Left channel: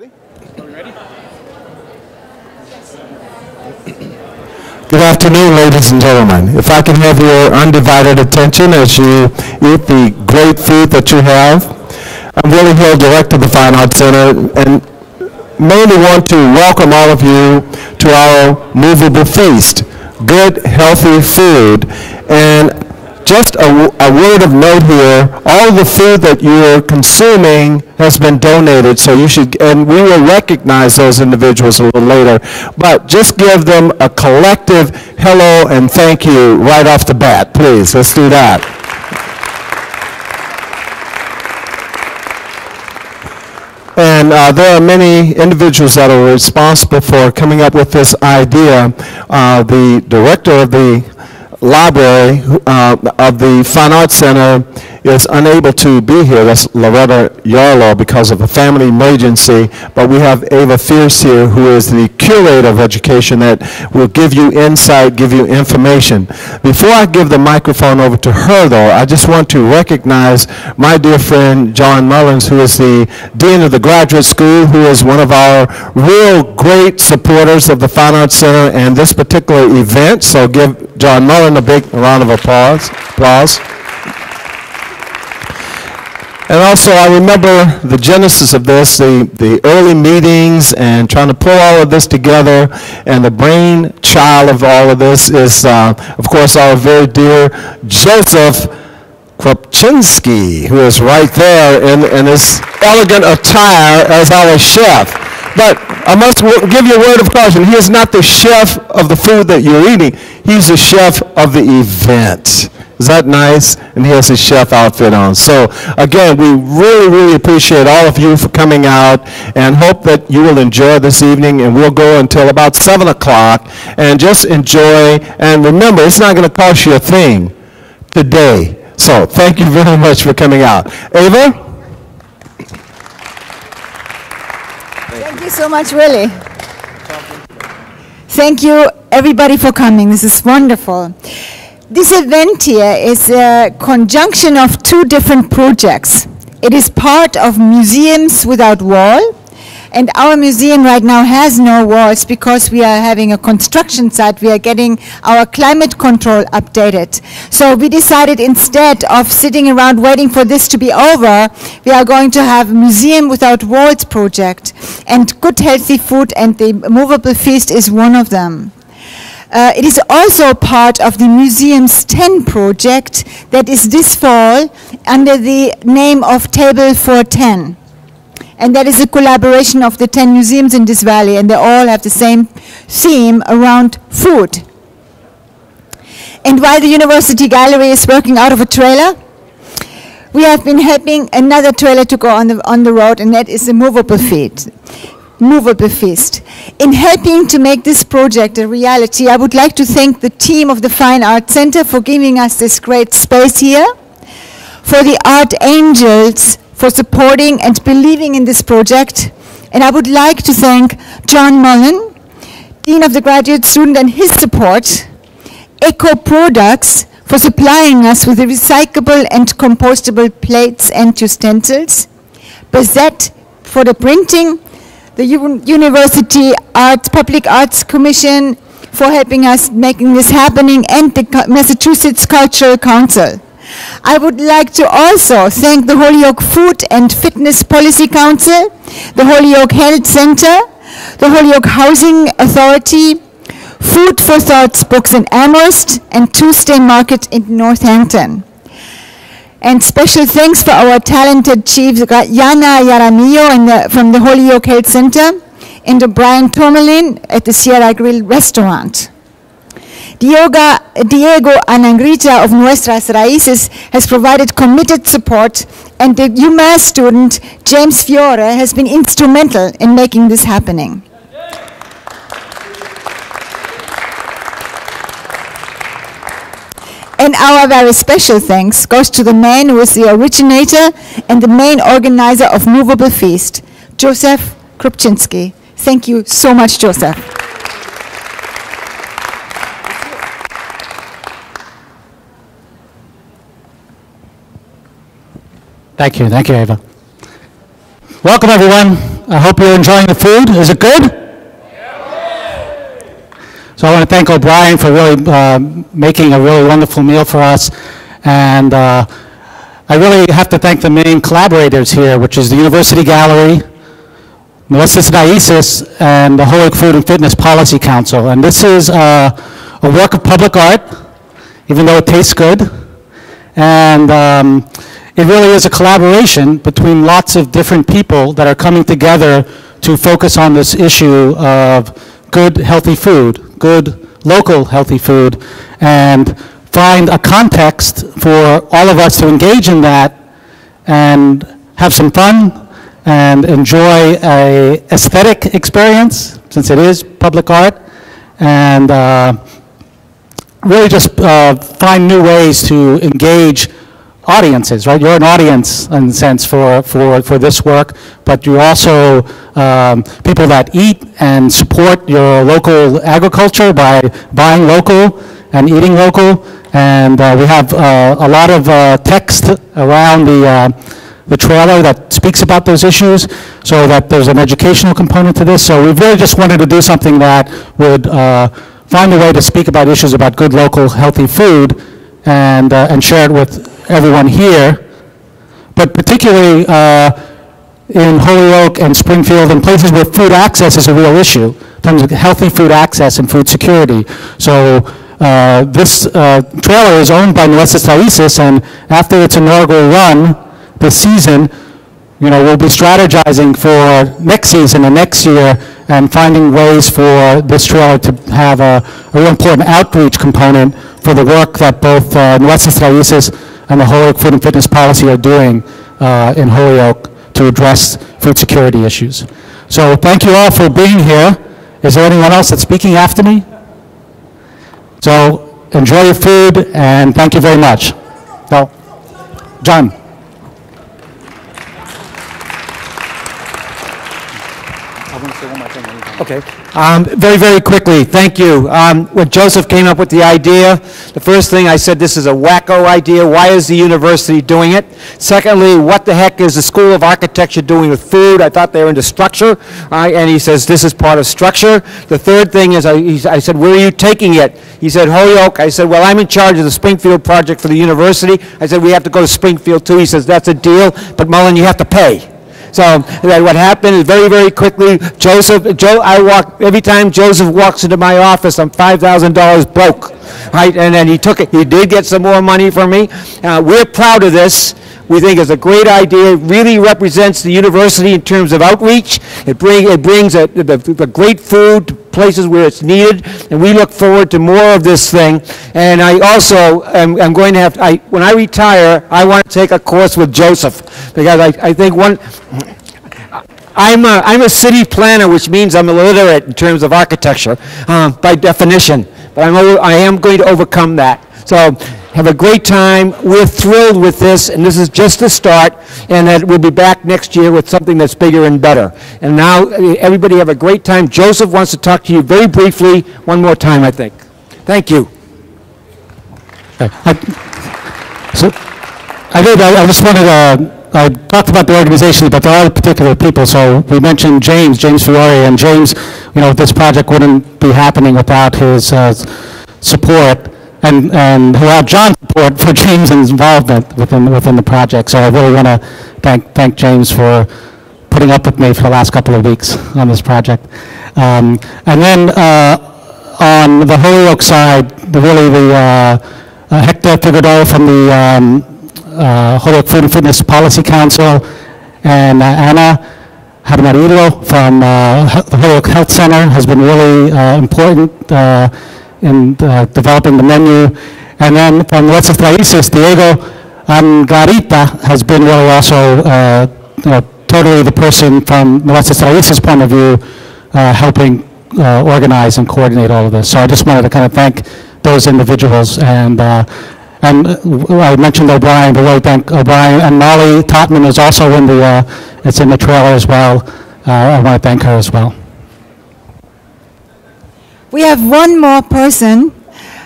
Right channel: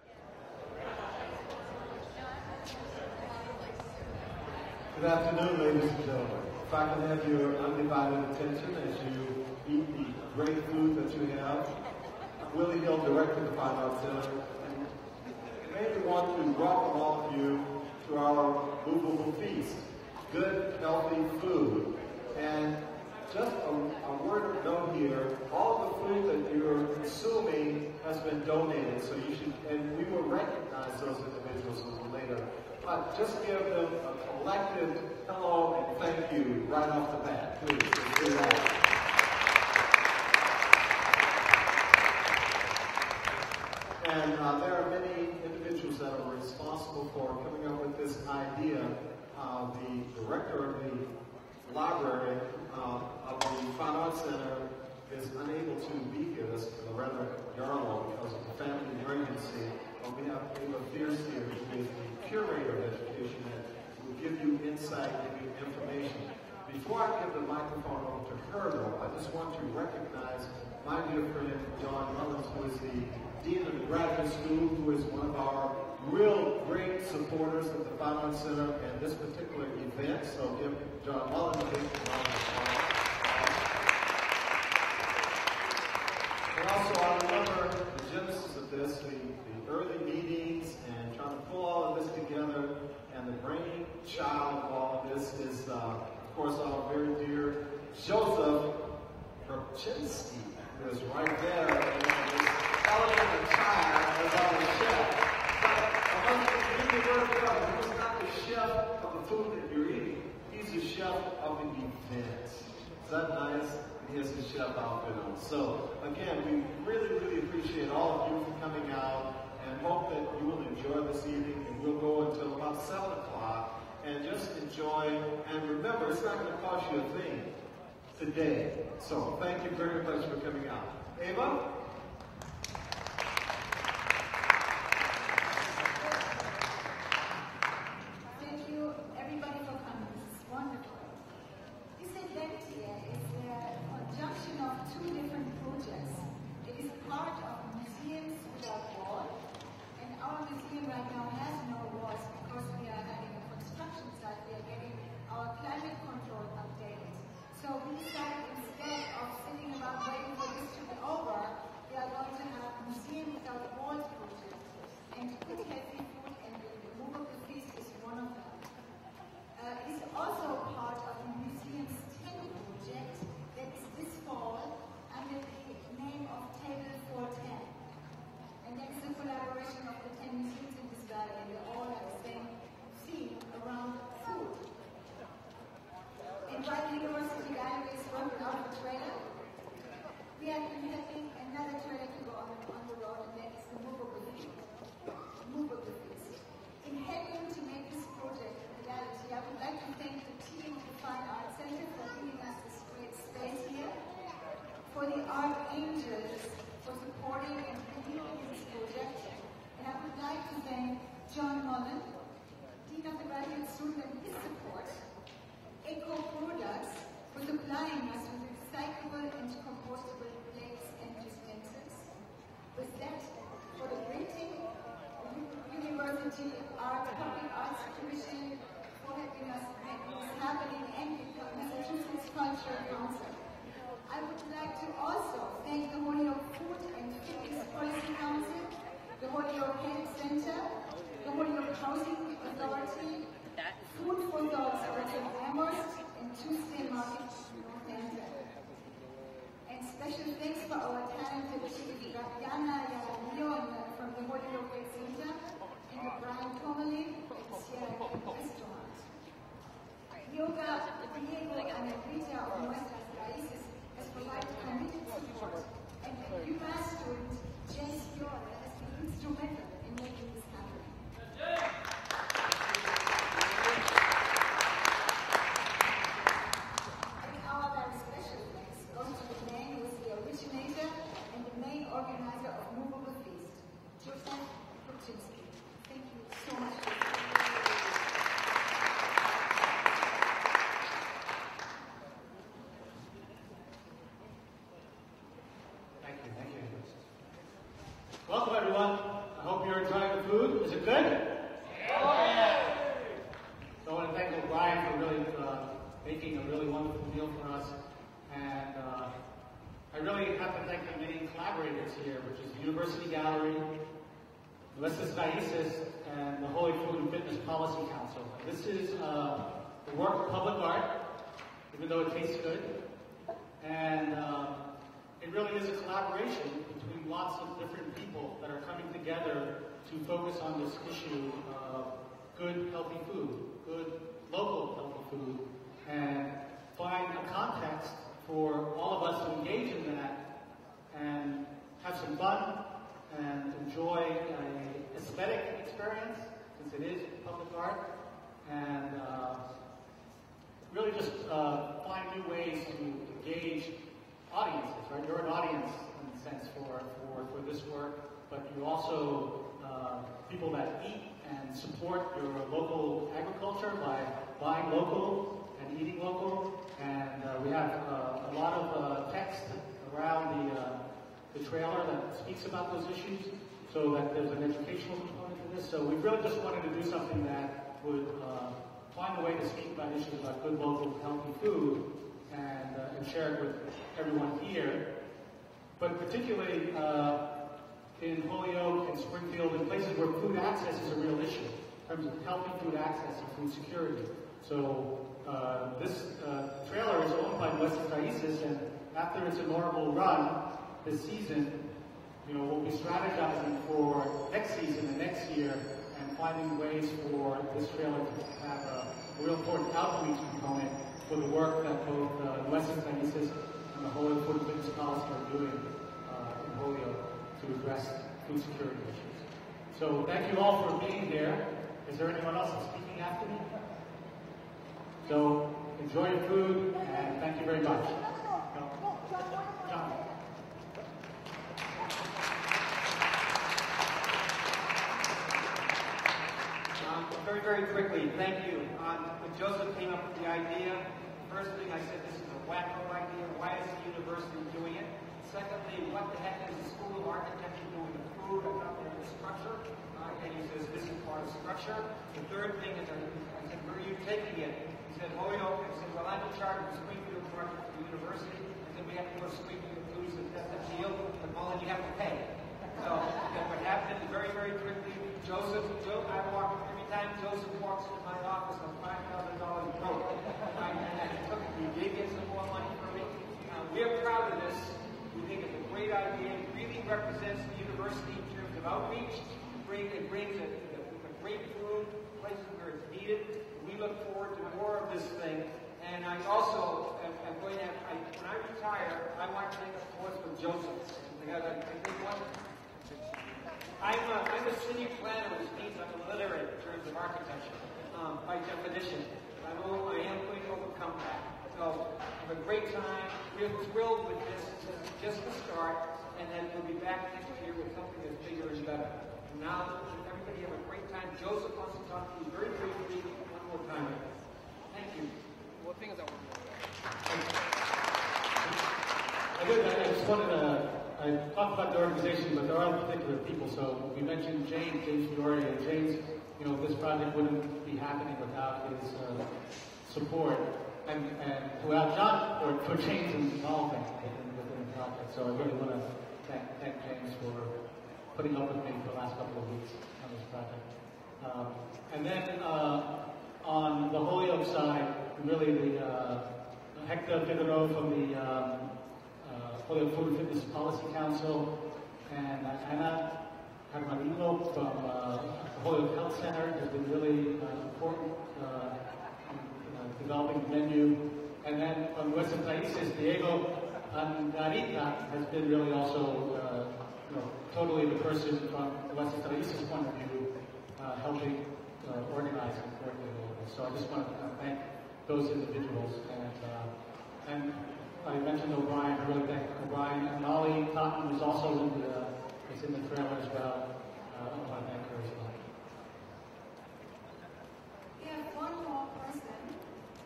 Good afternoon, ladies and gentlemen. If I can have your undivided attention as you eat the great food that you have. I'm Willie Hill, Director of the Fine Arts Center, and mainly want to welcome all of you to our Movable Feast. Good, healthy food. And just a word of note here, all the food that you're consuming has been donated, so you should, and we will recognize those individuals a little later, but just give them a collective hello and thank you right off the bat, please. Let's do that. And there are many individuals that are responsible for coming up with this idea. The director of the library of the Fine Arts Center is unable to be here. That's Loretta Yarlow because of a family emergency. But we have Ava Fierce here, who is the curator of education that will give you insight, give you information. Before I give the microphone over to her, though, I just want to recognize my dear friend John Mullins, who is the Dean of the Graduate School, who is one of our real great supporters of the Fine Arts Center and this particular event. So give John Mullins a big round of applause. And also, I remember the genesis of this, the early meetings and trying to pull all of this together. And the brainchild of all of this is, of course, our very dear Joseph Krupczynski, who is right there in his elegant attire as our chef. But I must give you a word of caution. He is not the chef of the food that you're eating. He's the chef of the event. Is that nice? And he has his chef outfit on. So again, we really, really appreciate all of you for coming out and hope that you will enjoy this evening. And we'll go until about 7 o'clock and just enjoy. And remember, it's not going to cost you a thing today. So thank you very much for coming out. Ava? Thank you so much, Willie. Thank you, everybody, for coming. This is wonderful. This event here is a conjunction of two different projects. It is part of Museums Without Wall, and our museum right now has no walls because we are having a construction site. We are getting our climate control updated. So we decided instead of sitting around waiting for this to be over, we are going to have a Museum Without Walls project. And good healthy food and the Movable Feast is one of them. It is also part of the Museums 10 project that is this fall under the name of Table for 10. And that is a collaboration of the 10 museums in this valley, and they all have the same theme around food. And while the University Gallery is working out of a trailer, we have been helping another trailer to go on the road, and that is the Movable Feast. In helping to make this project a reality, I would like to thank the team of the Fine Arts Center for giving us this great space here, for the Art Angels for supporting and believing in this project, and I would like to thank John Mullen, Dean of the Graduate Student, and his support, Eco Products for supplying us with the recyclable and compostable plates and utensils, Bazette for the printing, the University Public Arts Commission for helping us making this happening, and the Massachusetts Cultural Council. I would like to also thank the Holyoke Food and Fitness Policy Council, the Holyoke Health Center, the Holyoke Housing Authority, Food for Thoughts Books in Amherst, and Tuesday Market in Northampton. And special thanks for our talented chiefs, Yana Yaramillo from the Holyoke Health Center, and Brian Tourmalin at the Sierra Grill Restaurant. Diego Anangrita of Nuestras Raíces has provided committed support, and the UMass student, James Fiore, has been instrumental in making this happening. And our very special thanks goes to the man who is the originator and the main organizer of Movable Feast, Joseph Krupczynski. Thank you so much, Joseph. Thank you, Ava. Welcome, everyone. I hope you're enjoying the food. Is it good? So I want to thank O'Brien for really making a really wonderful meal for us. And I really have to thank the main collaborators here, which is the University Gallery, Nuestras Raíces, and the Holyoke Food and Fitness Policy Council. And this is a work of public art, even though it tastes good. And it really is a collaboration between lots of different people that are coming together to focus on this issue of good, healthy food, good, local, healthy food, and find a context for all of us to engage in that and have some fun and enjoy a aesthetic experience, since it is public art, and really just find new ways to engage audiences, right? You're an audience, in a sense, for this work, but you're also people that eat and support your local agriculture by buying local and eating local. And we have a lot of text around the trailer that speaks about those issues, so that there's an educational component to this. So we really just wanted to do something that would find a way to speak about issues about good, local, healthy food, and share it with everyone here, but particularly in Holyoke and Springfield and places where food access is a real issue, in terms of healthy food access and food security. So this trailer is owned by Nuestras Raíces, and after its inaugural run this season, we'll be strategizing for next season and next year and finding ways for this trailer to have a real important outreach component for the work that both Nuestras Raíces and the Holyoke Food and Fitness Policy are doing in Holyoke to address food security issues. So thank you all for being here. Is there anyone else that's speaking after me? So enjoy your food, and thank you very much. Well, John. Okay. Very, very quickly, thank you. When Joseph came up with the idea, the first thing I said, this is a wacko idea. Why is the university doing it? Secondly, what the heck is the School of Architecture doing with food? I thought they were into structure. And he says, this is part of structure. The third thing is, I said, where are you taking it? He said, Holyoke. I said, well, I'm in charge of the Springfield project for the university. I said, we have to go to Springfield too. He says, that's a deal, but Mullen, you have to pay. So what happened is very, very quickly, every time Joseph walks into my office, I'm $5,000 broke, right? And then he took it. He did get some more money from me. We're proud of this. We think it's a great idea. It really represents the university in terms of outreach. It brings the great food to places where it's needed, and we look forward to more of this thing. And I also am going to have, when I retire, I want to take a course with Joseph, because I think I'm a city planner, which means I'm illiterate in terms of architecture by definition, but I am going to overcome that. So have a great time. We're thrilled with this, and this is just the start, and that we'll be back next year with something that's bigger and better. And now, everybody have a great time. Joseph wants to talk to you very briefly one more time, I think. Thank you. I just wanted to, I talked about the organization, but there are particular people. So we mentioned James Fiore, and James, this project wouldn't be happening without his support. And without John's support for James' involvement within the project. So I really want to thank James for putting up with me for the last couple of weeks on this project. And then on the Holyoke side, Hector Figueroa from the Holyoke Food and Fitness Policy Council, and Anna Harmarillo from the Holyoke Health Center has been really important in developing the menu. And then from Nuestras Raíces, Diego Angarita has been really also totally the person from Nuestras Raíces' point of view helping organize and coordinate all of this. So I just wanted to kind of thank those individuals. And I mentioned O'Brien, but really thank O'Brien. And Molly Totman is also in the trailer as well. I want to thank her as well. We have one more person,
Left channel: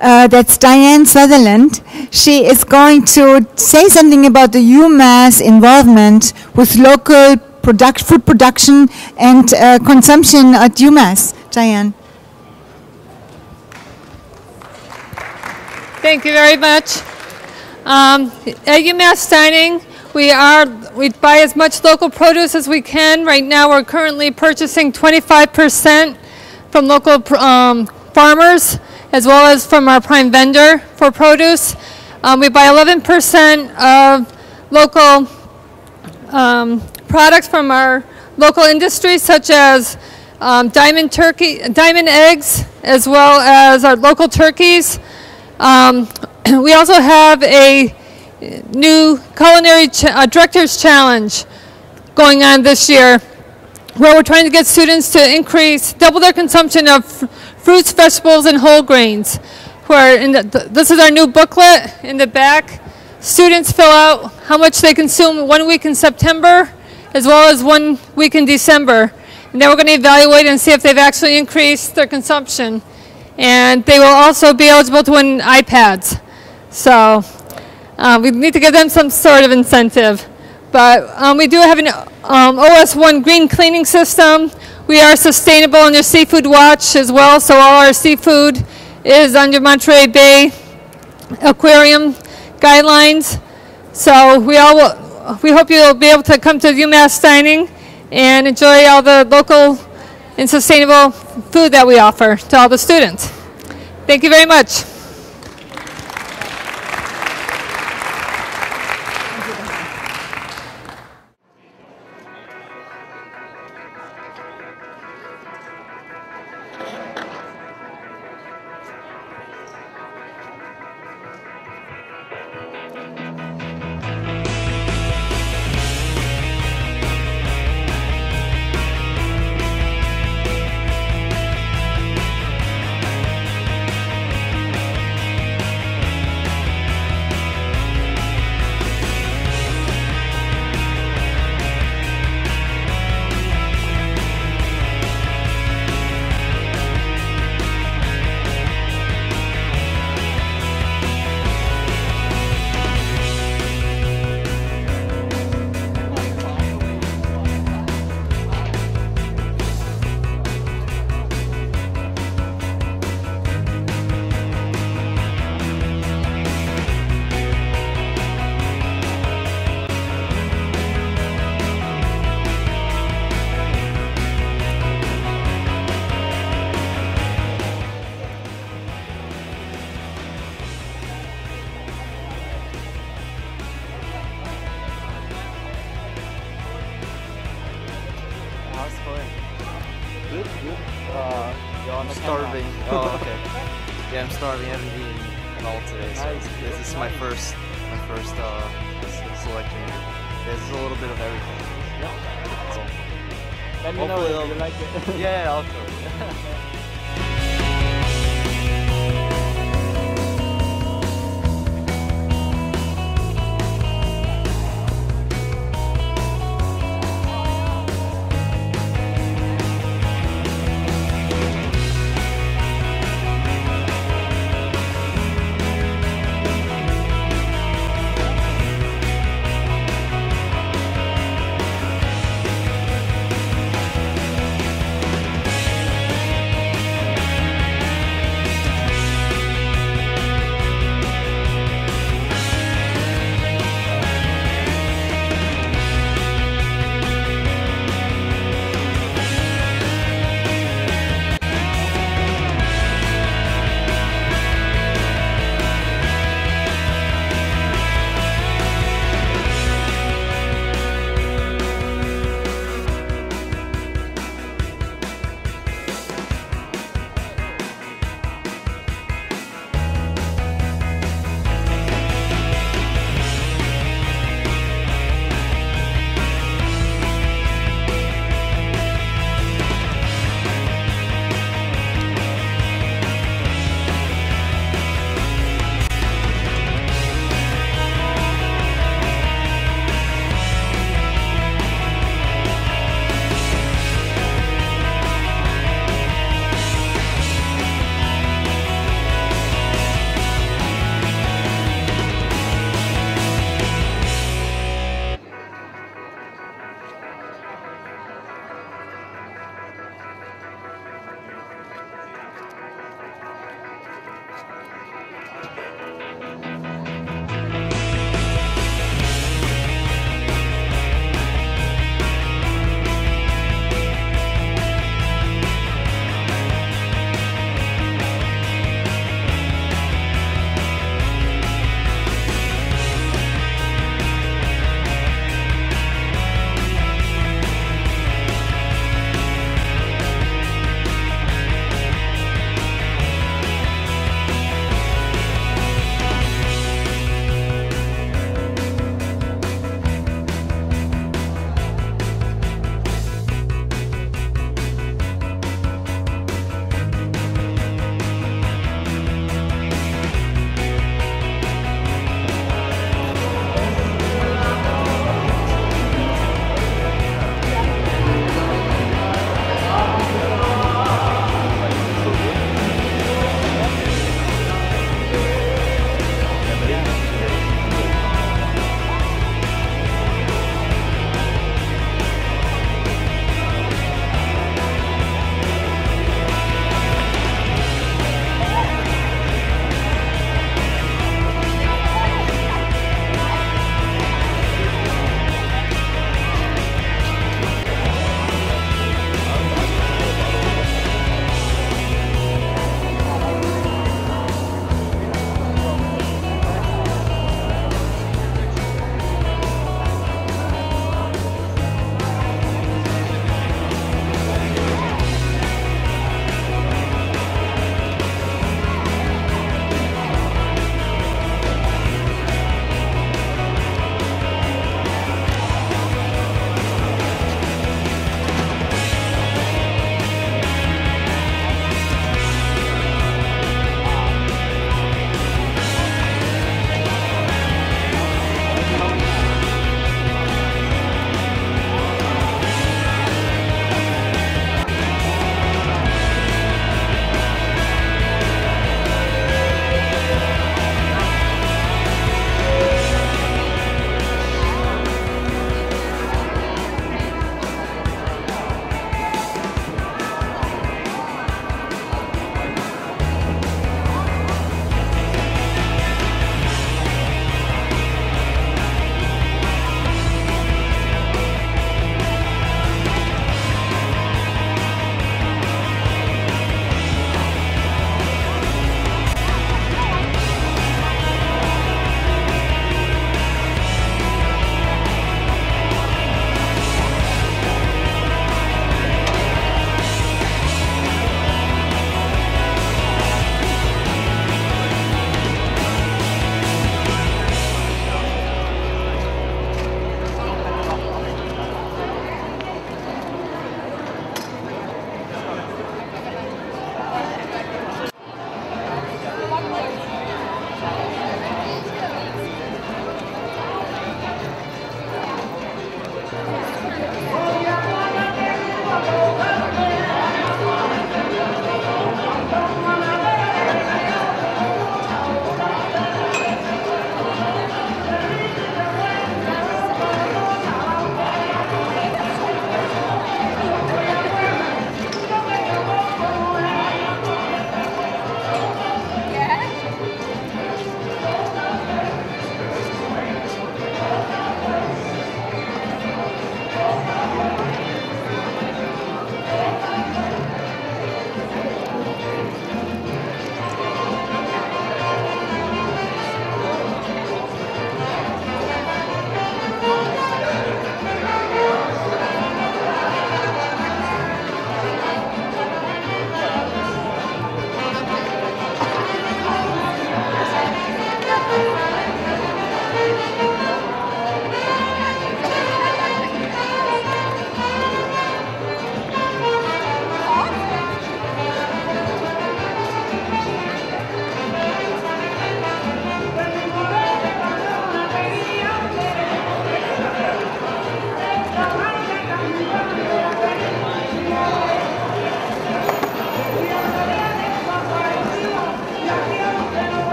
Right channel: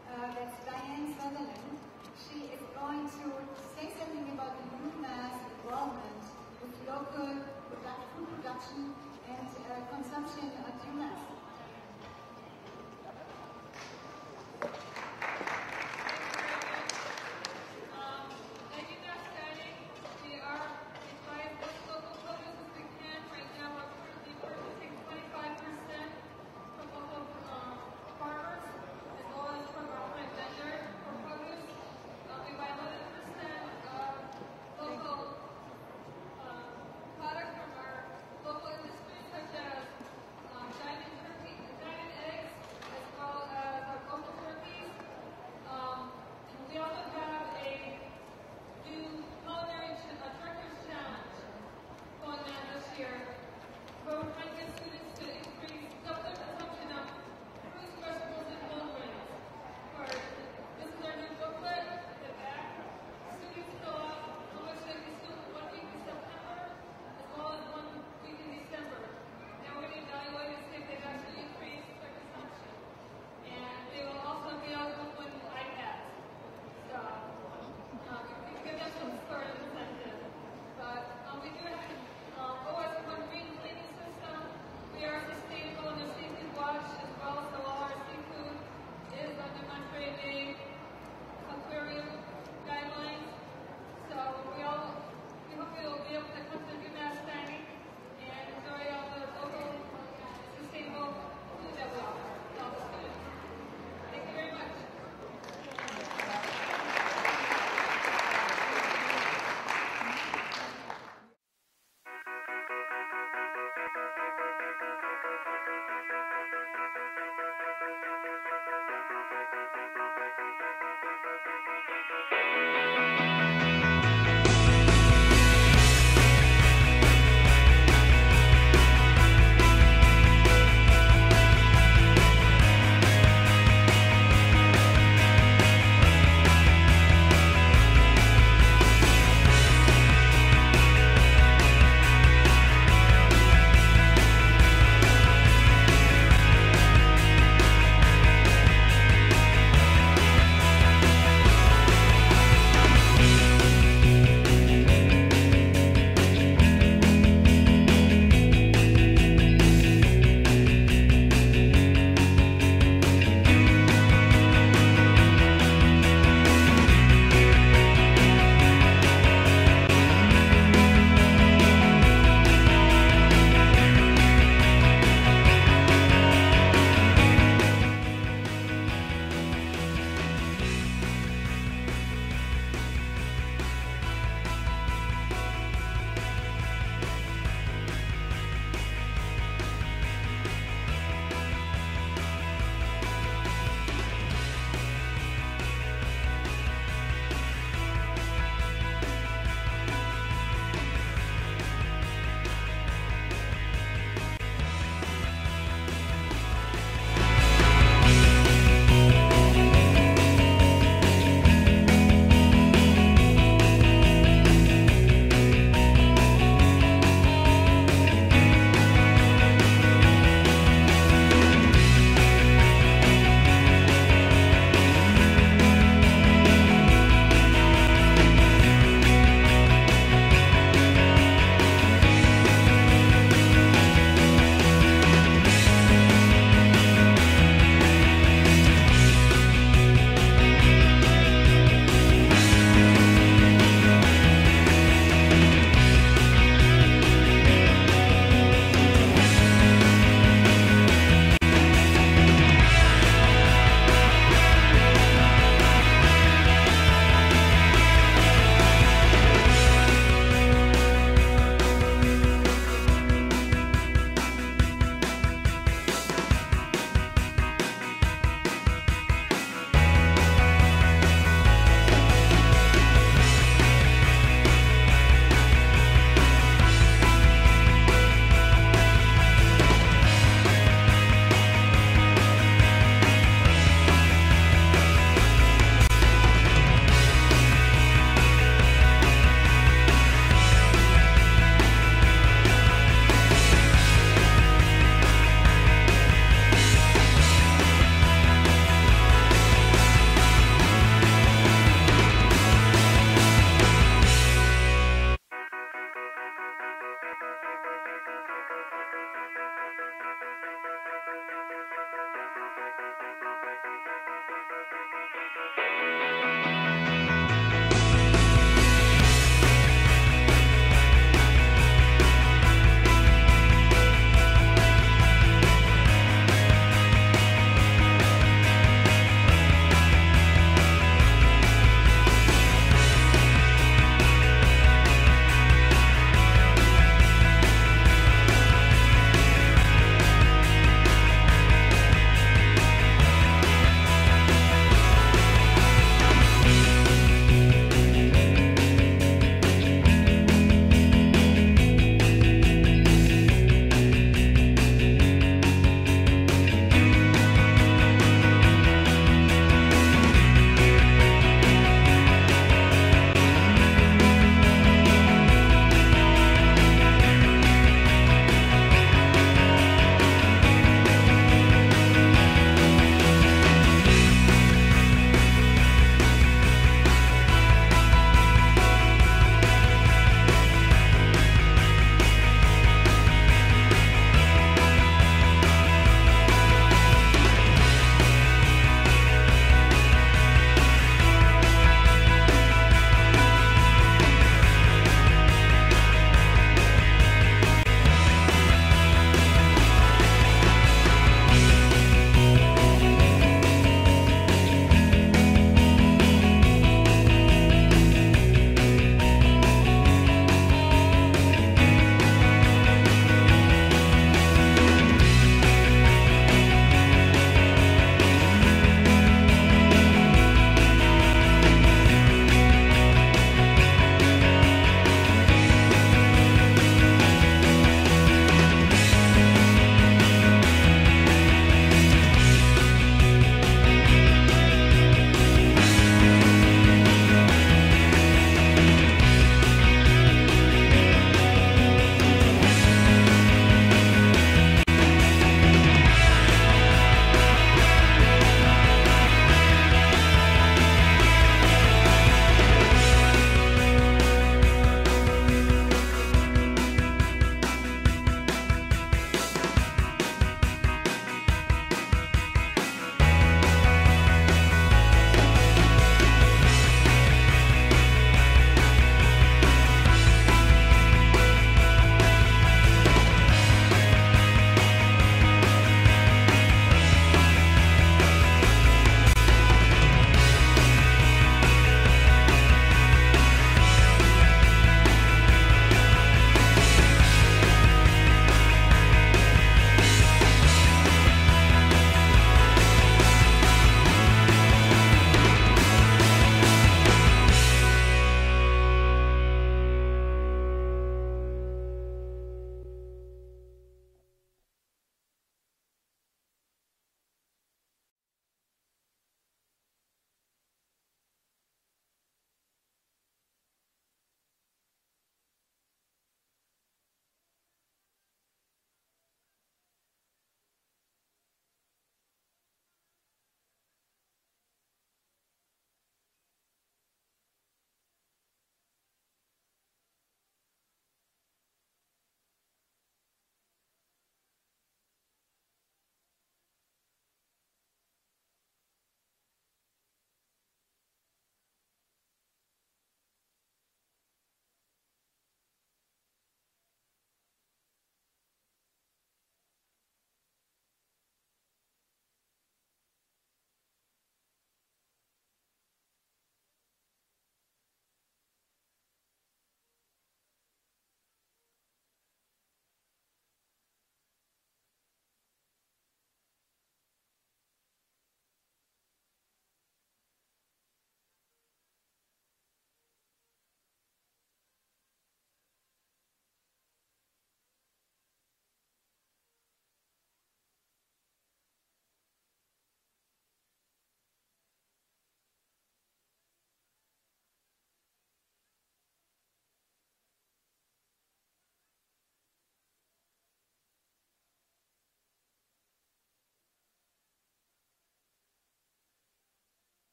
that's Diane Sutherland. She is going to say something about the UMass involvement with local food production and consumption at UMass. Diane. Thank you very much. At UMass Dining, we buy as much local produce as we can. Right now, we're currently purchasing 25% from local farmers, as well as from our prime vendor for produce. We buy 11% of local products from our local industries, such as diamond eggs, as well as our local turkeys. We also have a new culinary director's challenge going on this year, where we're trying to get students to double their consumption of fruits, vegetables, and whole grains. This is our new booklet in the back. Students fill out how much they consume 1 week in September, as well as 1 week in December. And then we're going to evaluate and see if they've actually increased their consumption. And they will also be eligible to win iPads. So we need to give them some sort of incentive. But we do have an OS1 green cleaning system. We are sustainable under Seafood Watch as well, so all our seafood is under Monterey Bay Aquarium guidelines. So we hope you'll be able to come to UMass Dining and enjoy all the local and sustainable food that we offer to all the students. Thank you very much. starving. Oh, okay. Yeah, I'm starving. I haven't eaten at all today, so this is my first selection. There's a little bit of everything. Let me know if you like it. Yeah, I'll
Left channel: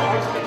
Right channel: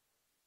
Yeah.